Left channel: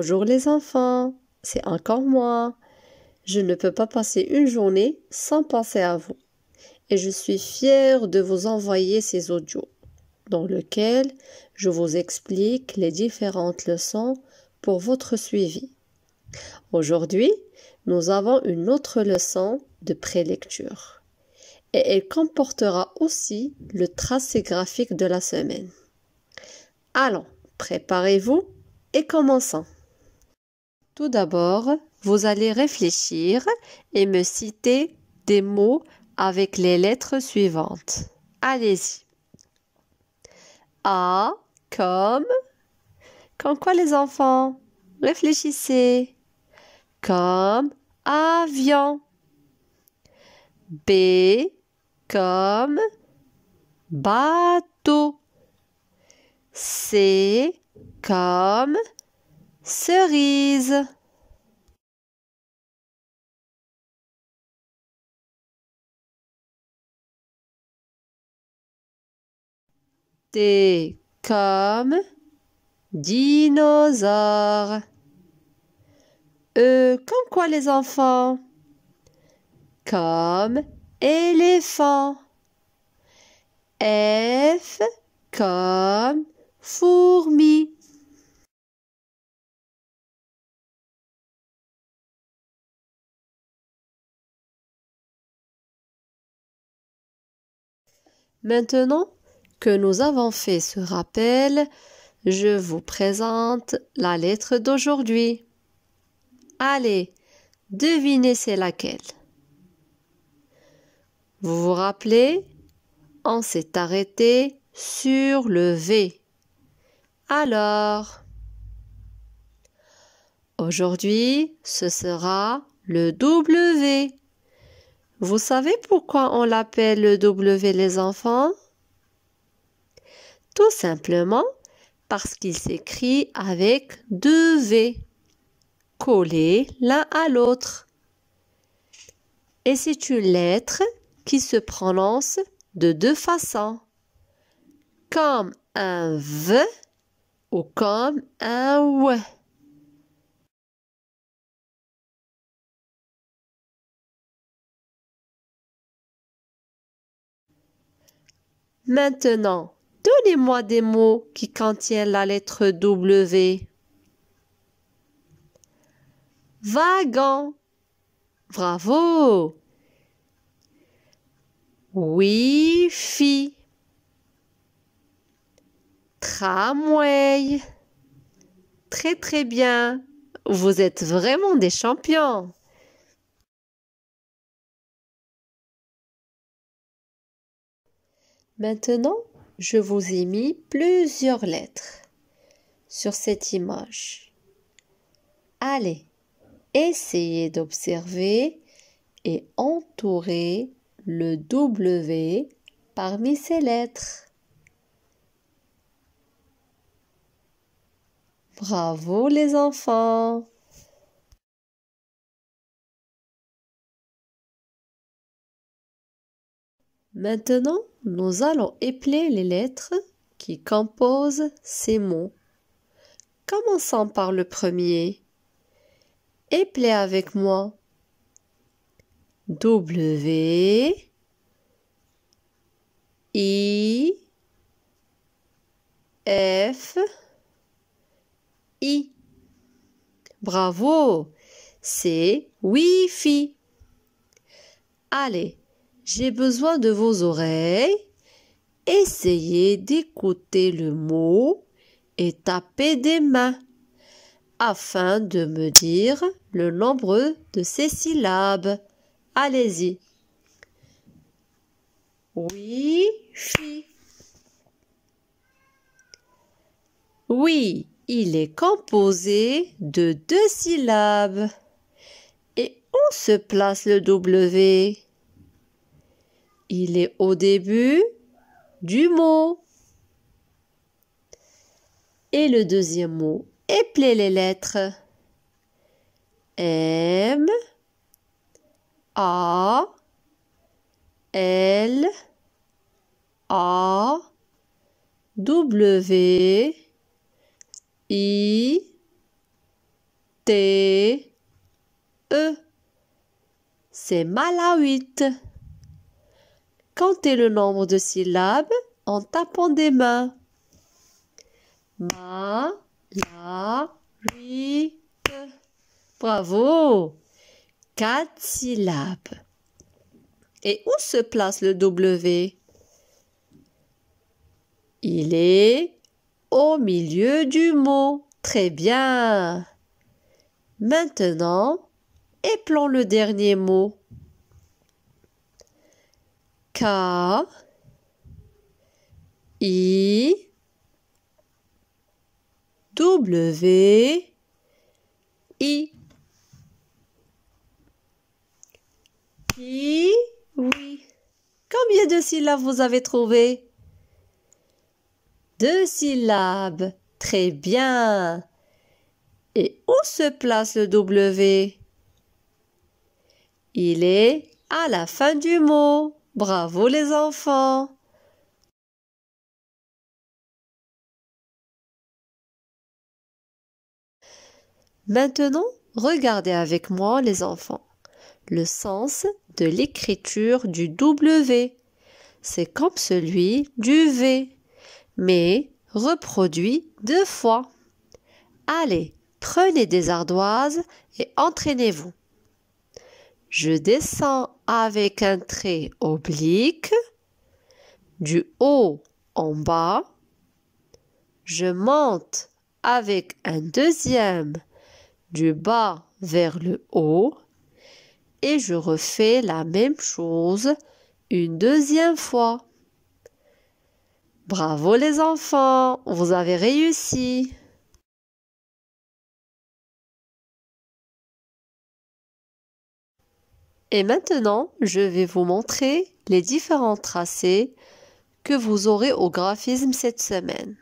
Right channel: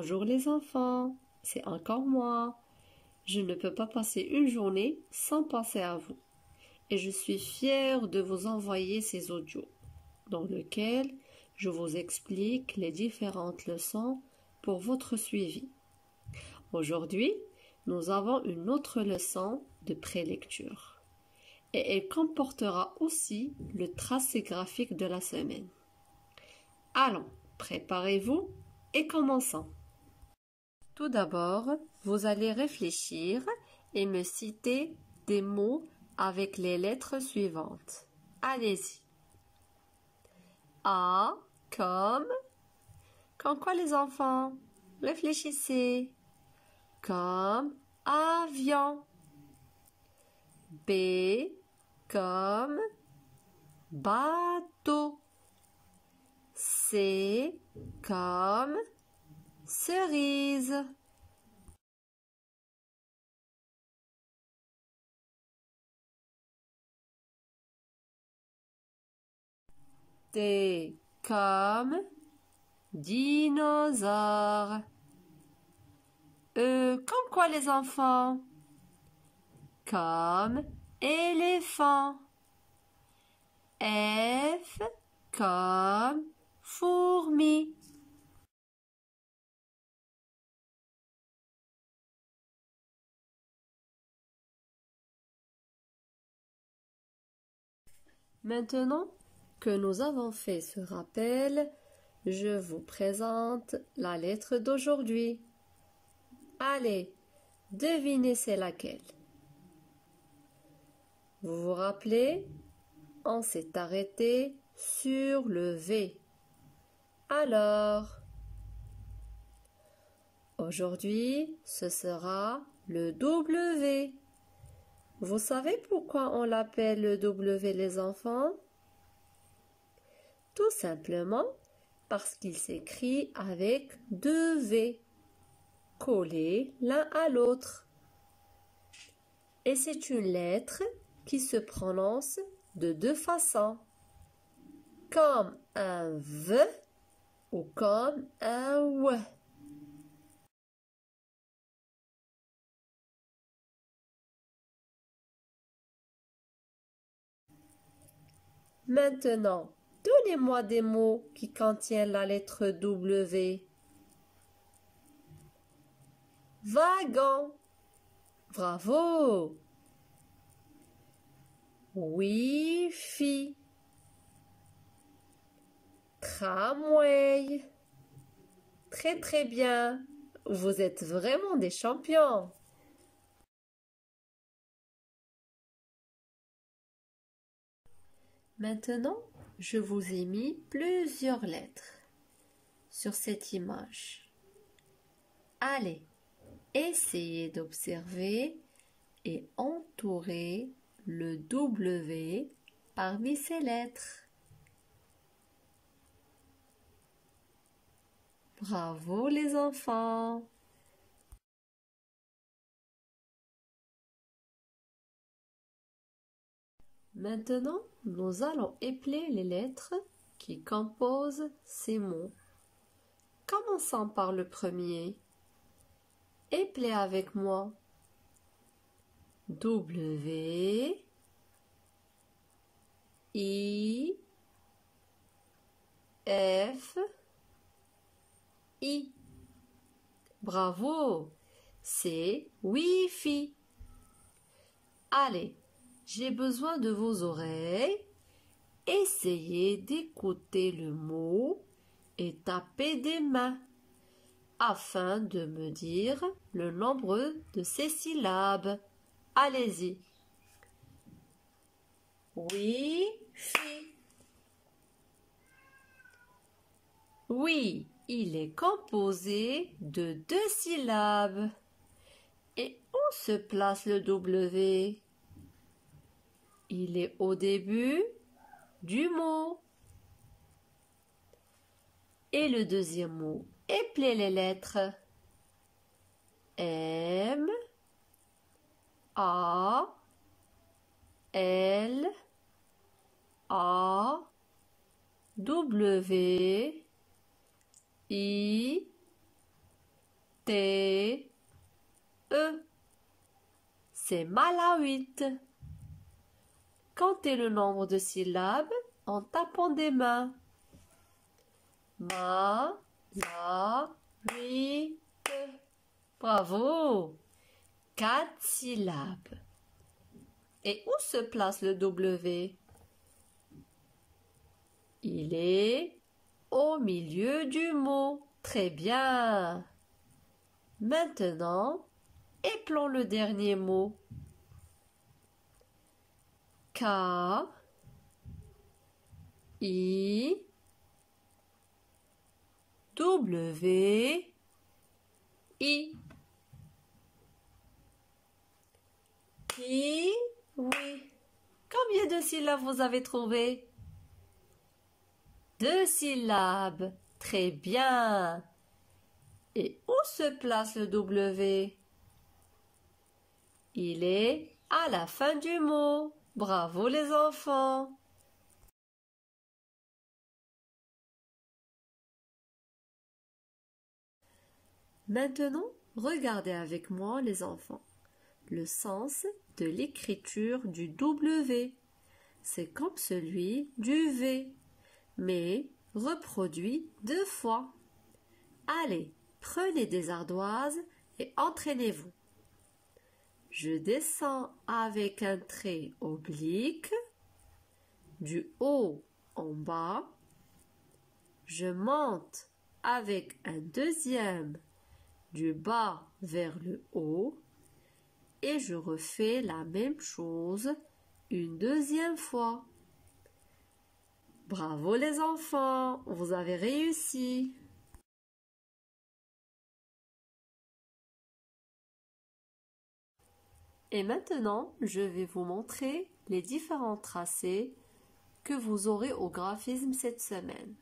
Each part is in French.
Bonjour les enfants, c'est encore moi. Je ne peux pas passer une journée sans penser à vous. Et je suis fière de vous envoyer ces audios dans lesquels je vous explique les différentes leçons pour votre suivi. Aujourd'hui, nous avons une autre leçon de prélecture. Et elle comportera aussi le tracé graphique de la semaine. Allons, préparez-vous et commençons. Tout d'abord, vous allez réfléchir et me citer des mots avec les lettres suivantes. Allez-y. A comme... Comme quoi les enfants? Réfléchissez. Comme avion. B comme bateau. C comme cerise. D comme dinosaure. Comme quoi les enfants? Comme éléphant. F comme fourmi. Maintenant que nous avons fait ce rappel, je vous présente la lettre d'aujourd'hui. Allez, devinez c'est laquelle. Vous vous rappelez? On s'est arrêté sur le V. Alors, aujourd'hui, ce sera le W. Vous savez pourquoi on l'appelle le W les enfants? Tout simplement parce qu'il s'écrit avec deux V collés l'un à l'autre. Et c'est une lettre qui se prononce de deux façons, comme un V ou comme un W. Maintenant, donnez-moi des mots qui contiennent la lettre W. Wagon. Bravo. Wi-Fi. Tramway. Très très bien. Vous êtes vraiment des champions. Maintenant, je vous ai mis plusieurs lettres sur cette image. Allez, essayez d'observer et entourer le W parmi ces lettres. Bravo les enfants! Maintenant, nous allons épeler les lettres qui composent ces mots. Commençons par le premier. Épelez avec moi. W, I, F, I. Bravo! C'est Wi-Fi. Allez, j'ai besoin de vos oreilles. Essayez d'écouter le mot et tapez des mains afin de me dire le nombre de ces syllabes. Allez-y. Wi-Fi. Oui, il est composé de deux syllabes. Et où se place le W? Il est au début du mot. Et le deuxième mot, épelez les lettres. M, A, L, A, W, I, T, E. C'est Malawites. Comptez le nombre de syllabes en tapant des mains. Ma, la, ri, te. Bravo! 4 syllabes. Et où se place le W? Il est au milieu du mot. Très bien. Maintenant, épelons le dernier mot. K, I, W, I. Oui. Combien de syllabes vous avez trouvé? 2 syllabes. Très bien. Et où se place le W? Il est à la fin du mot. Bravo les enfants. Maintenant, regardez avec moi les enfants. Le sens de l'écriture du W. C'est comme celui du V, mais reproduit 2 fois. Allez, prenez des ardoises et entraînez-vous. Je descends avec un trait oblique, du haut en bas. Je monte avec un deuxième, du bas vers le haut. Et je refais la même chose une deuxième fois. Bravo les enfants, vous avez réussi. Et maintenant, je vais vous montrer les différents tracés que vous aurez au graphisme cette semaine.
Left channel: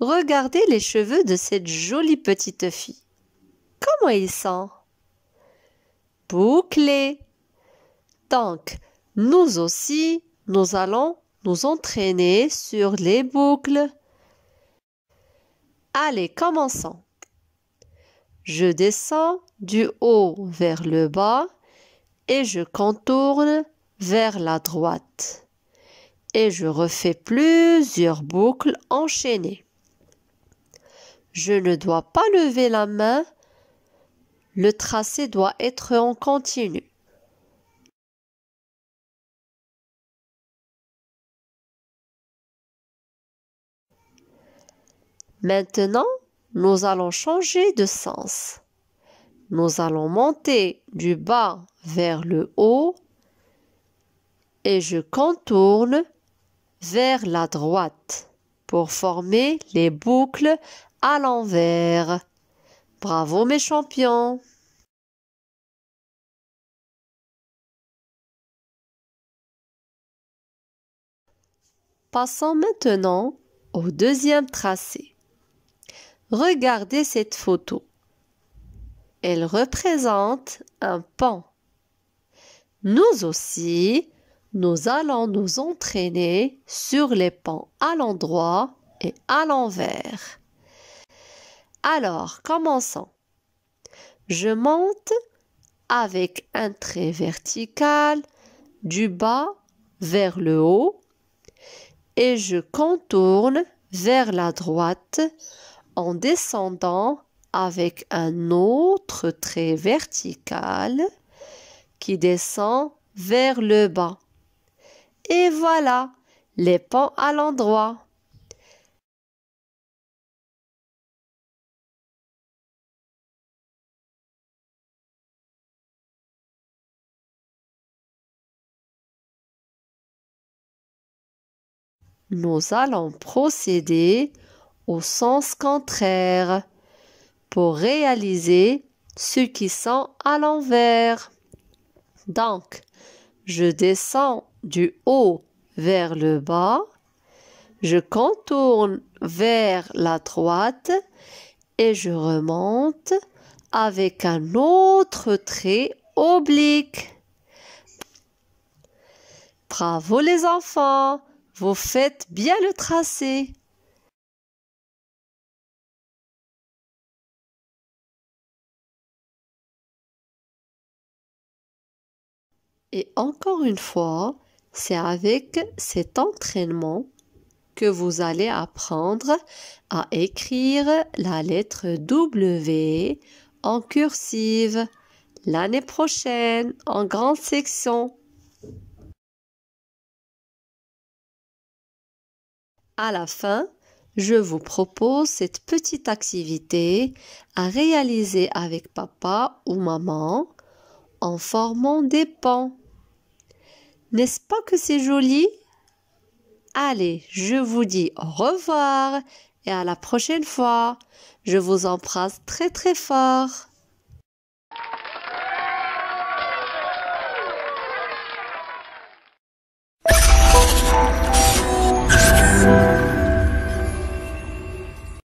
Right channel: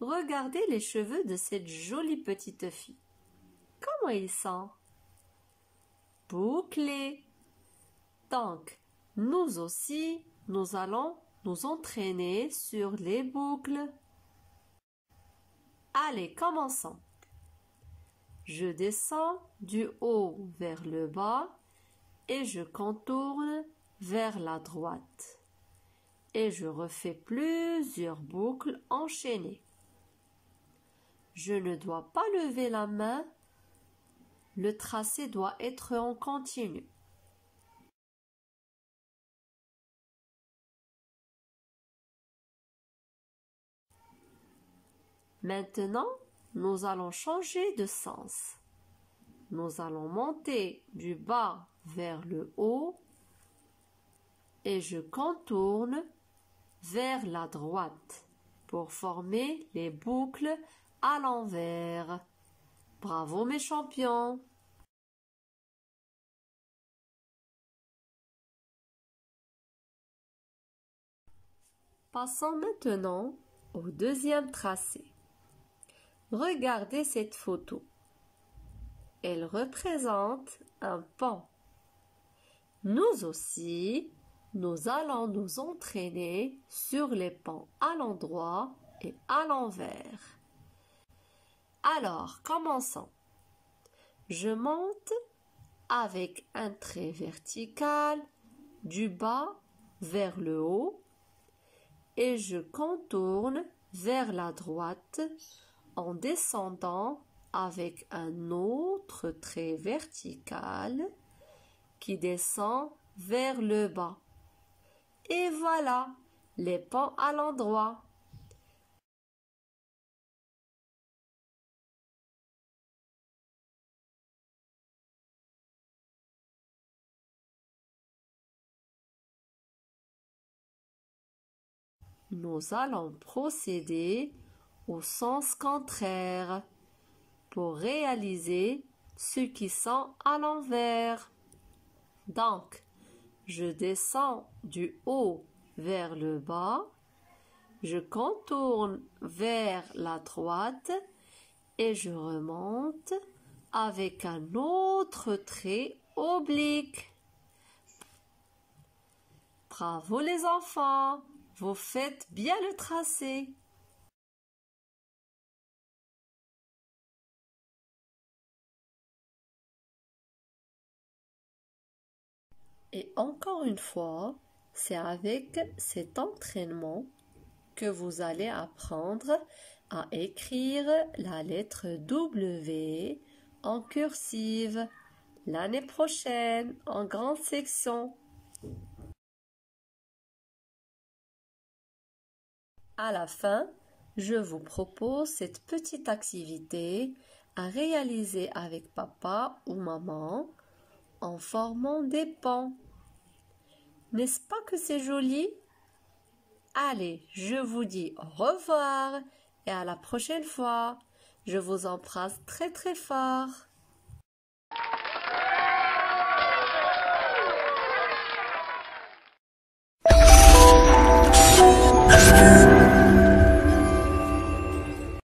Regardez les cheveux de cette jolie petite fille. Comment ils sont? Bouclés. Donc, nous aussi, nous allons nous entraîner sur les boucles. Allez, commençons. Je descends du haut vers le bas et je contourne vers la droite. Et je refais plusieurs boucles enchaînées. Je ne dois pas lever la main. Le tracé doit être en continu. Maintenant, nous allons changer de sens. Nous allons monter du bas vers le haut et je contourne vers la droite pour former les boucles à l'envers. Bravo mes champions! Passons maintenant au deuxième tracé. Regardez cette photo. Elle représente un pont. Nous aussi, nous allons nous entraîner sur les ponts à l'endroit et à l'envers. Alors, commençons. Je monte avec un trait vertical du bas vers le haut et je contourne vers la droite en descendant avec un autre trait vertical qui descend vers le bas. Et voilà, les ponts à l'endroit. Nous allons procéder au sens contraire pour réaliser ceux qui sont à l'envers. Donc, je descends du haut vers le bas, je contourne vers la droite et je remonte avec un autre trait oblique. Bravo les enfants, vous faites bien le tracé. Et encore une fois, c'est avec cet entraînement que vous allez apprendre à écrire la lettre W en cursive l'année prochaine en grande section. À la fin, je vous propose cette petite activité à réaliser avec papa ou maman en formant des ponts. N'est-ce pas que c'est joli? Allez, je vous dis au revoir et à la prochaine fois. Je vous embrasse très très fort.